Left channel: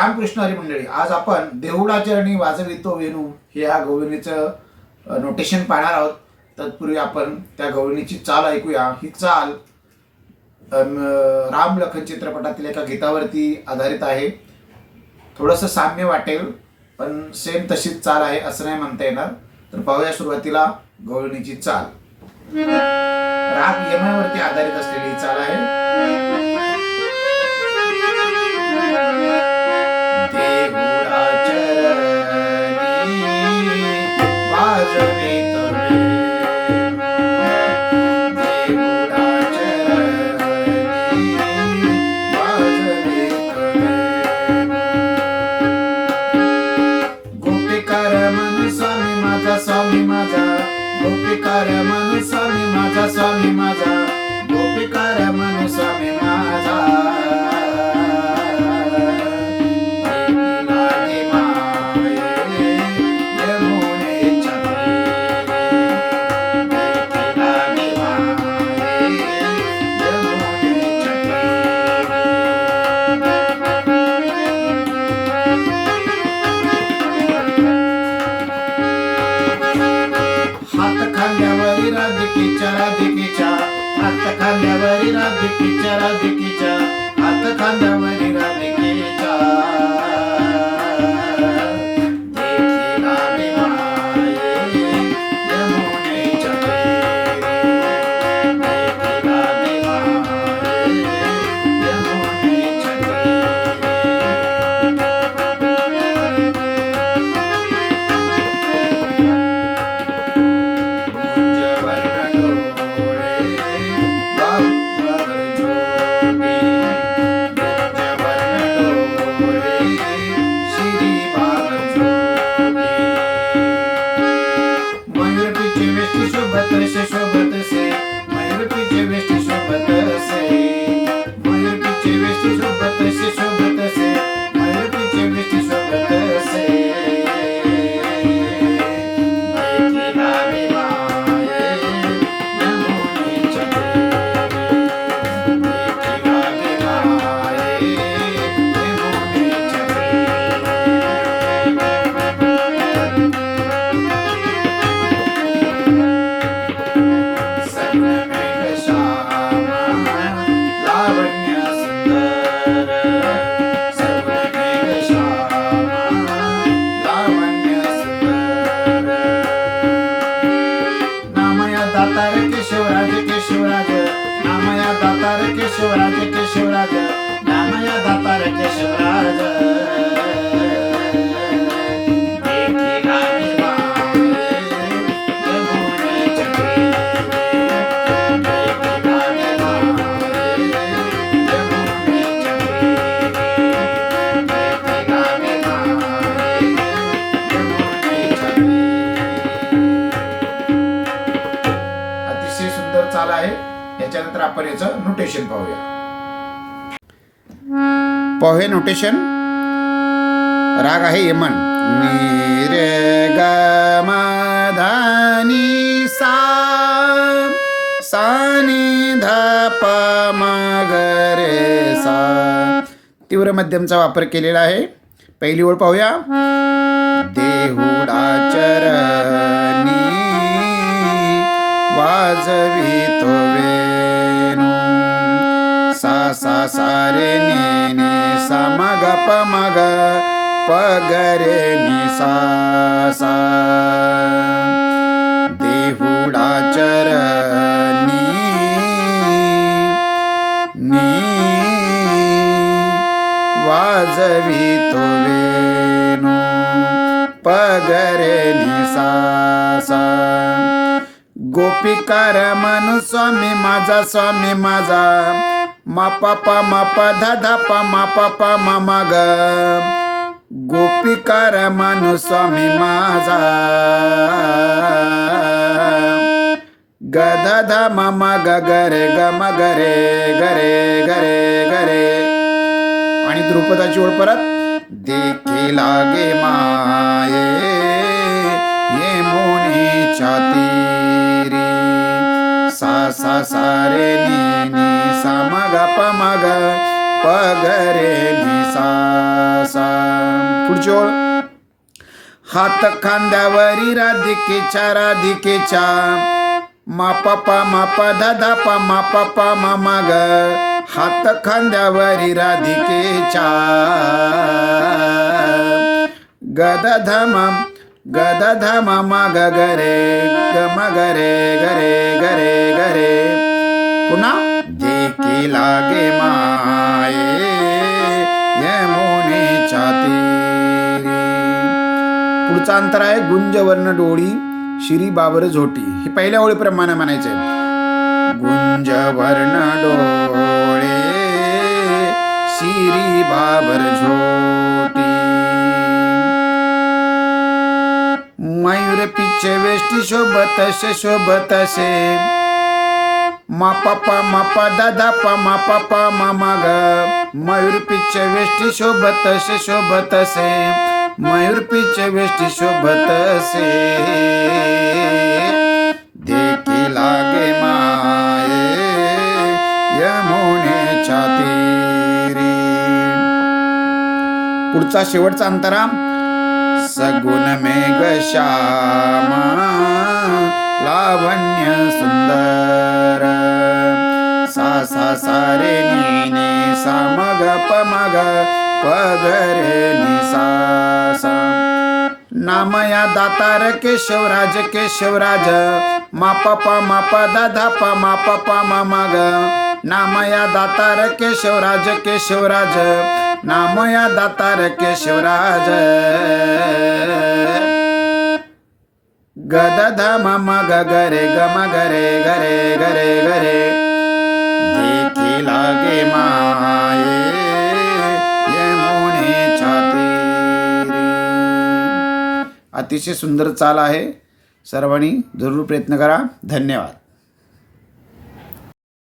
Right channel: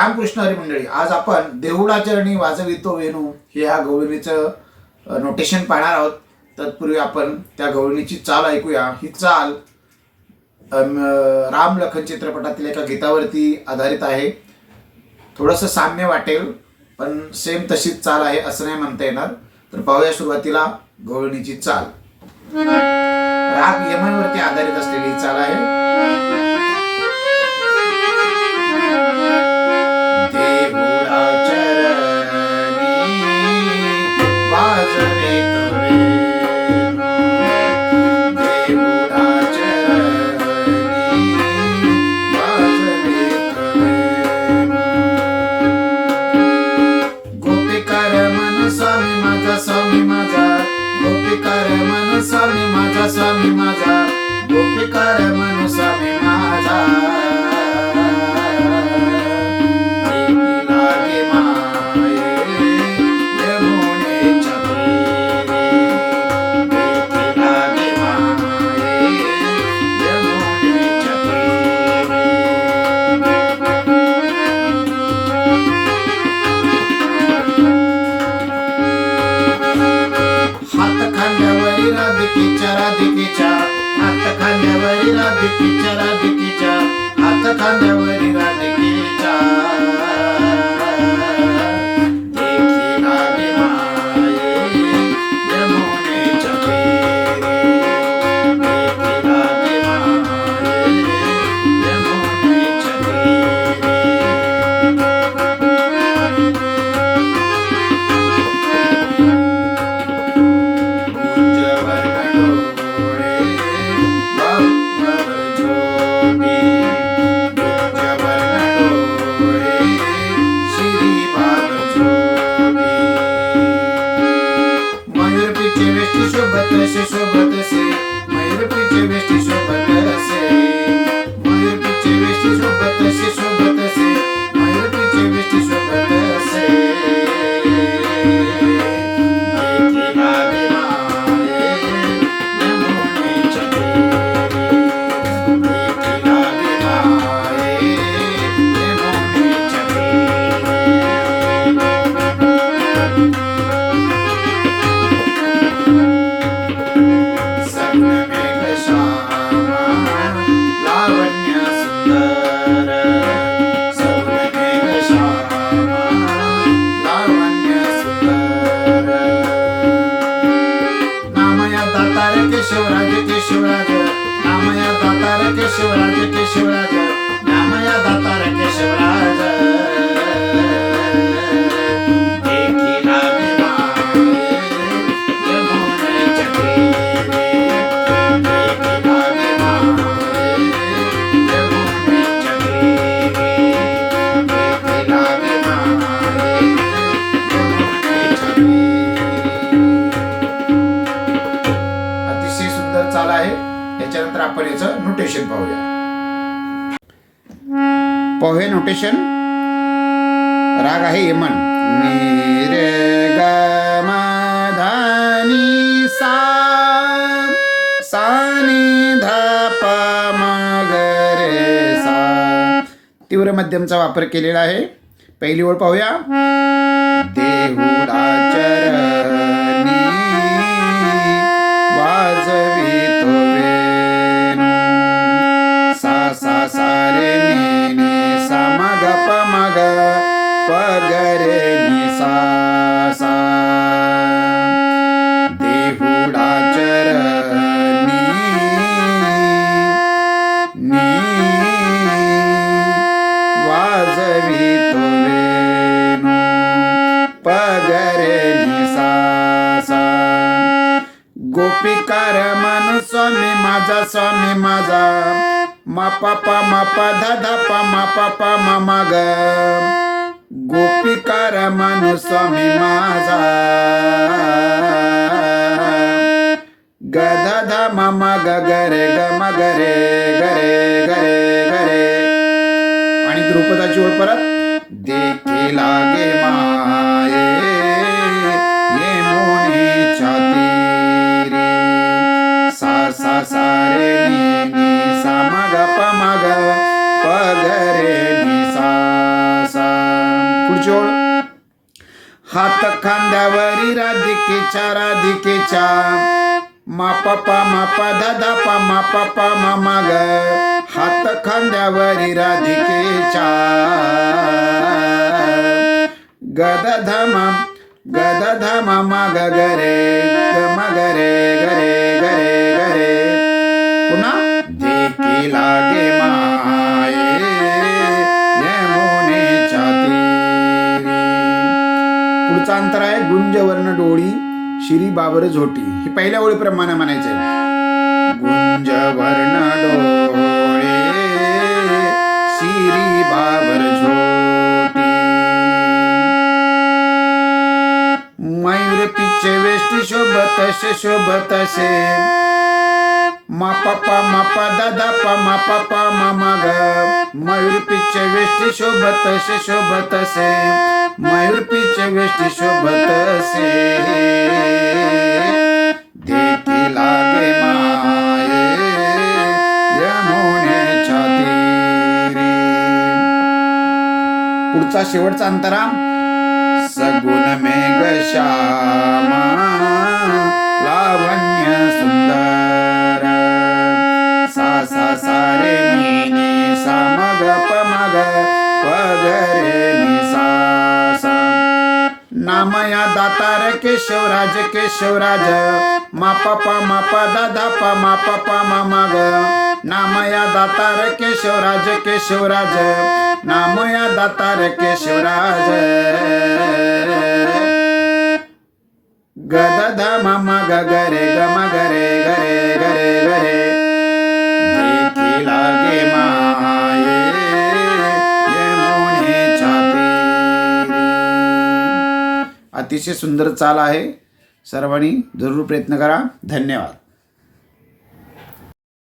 रामकृष्ण हरी मंडळी, आज आपण देहुडाचरणी वाजवितो वेणू हे या गवळणीचं नोटेशन पाहणार आहोत. तत्पूर्वी आपण त्या गवळणीची चाल ऐकूया. ही चाल राम लखन चित्रपटातील एका गीतावरती आधारित आहे. थोडंसं साम्य वाटेल, पण सेम तशीच चाल आहे असं नाही म्हणता येणार. तर पाहूया सुरुवातीला गवळणीची चाल. राग यमनवरती आधारित असलेली ही चाल आहे. स्वामी माझा गोपिकार मन स्वामी माझा, स्वामी माझा गोपिकार मन स्वामी माझा. लागे माये यमुनेच्या तीरी, लागे माये यमुनेच्या हात खांद्यावरी राधिकेच्या, राधिकेच्या हात खांद्यावरी राधिकेच्या, राधिकेच्या हात खांद्यावरी राधिकेच्या. देखी लागे माये यमुनेच्या तीरी, देखी लागे माये यमुनेच्या तीरी. शोभत से शोभत से मयूर पीछे वेष्टी शोभत से, मयूर पीछे वेष्टी शोभत से शोभत से मयूर पीछे वेष्टी शोभत से. देखी लागे माये यमुनेच्या तीरी, देखी लागे माये यमुनेच्या तीरी. दातार केशवराज केशवराज नामया दातार केशवराज केशवराज नामया दातार केशवराज. देखी लागे माये यमुनेच्या तीरी, देखी लागे माये यमुनेच्या तीरी, देखी लागे माये यमुनेच्या तीरी. अतिशय सुंदर चाल आहे. याच्यानंतर आपण याचं नोटेशन पाहूया. पाहूया नोटेशन. राग आहे यमन. नी रे ग म ध नी सा, सा नी ध प म ग रे सा. तीव्र मध्यमचा वापर केलेला आहे. पहिली ओळ पाहूया. देहुडाचरणी वाजवितो वेणू, सा सा सा रे नी नी सा म ग प म ग प ग रे नी सा सा. देहुडाचरणी नी वाजवितो वेणू, प ग रे नी सा सा. गोपिकार मन स्वामी माझा, स्वामी माझा म प प म प ध ध प म प प म म ग. गोपिकार मन स्वामी माझा ग ध ध म म ग ग रे ग म ग रे ग रे ग रे ग रे. आणि द्रुपदाची ओळ परत. देखी लागे माये यमुनेच्या तीरी, सा सा सा रे नी नी सा म ग प म ग प ग रे नी सा सा. पुढची ओळ. हात खांद्यावरी राधिकेच्या मा पा पा मा पा दा दा पा मा पा पा मा मा ग. हात खांद्यावरी राधिकेच्या गद धाम मा ग ग रे ग म ग रे ग रे ग रे ग रे. पुन्हा देखी लागे माये यमुनेच्या तीरी. पुढचा अंतर आहे गुंजवर्ण डोळी शिरी बाबर झोटी. हे पहिल्या ओळीप्रमाणे म्हणायचं. गुंजवर्ण डोळे शिरी बाबर झोटी. मयूर पिछे वेष्टी शोभत से मा पा पा मा पा दा दा पा मा पा पा मा मा ग. मयूर पिछे वेष्टी शोभत से मयूर पिछे वेष्टी शोभत से देखी लागे माये यमुनेच्या तीरी. पुढचा शेवटचा अंतरा. सगुण मेघ श्यामा लावण्य सुंदर सा सा सा रे नी नी सा मग प मग प ग रे नि सा सा. नामया दातार केशवराज मा पा पा मा पा दा दा पा मा पा पा मा मा ग. नामया दातार केशवराज नामया दातार केशवराज गद धाम म ग ग रे ग म ग रे ग रे ग रे ग रे. देखी लागे माये यमुनेच्या तीरी. अतिशय सुंदर चाल आहे. सर्वांनी जरूर प्रयत्न करा. धन्यवाद.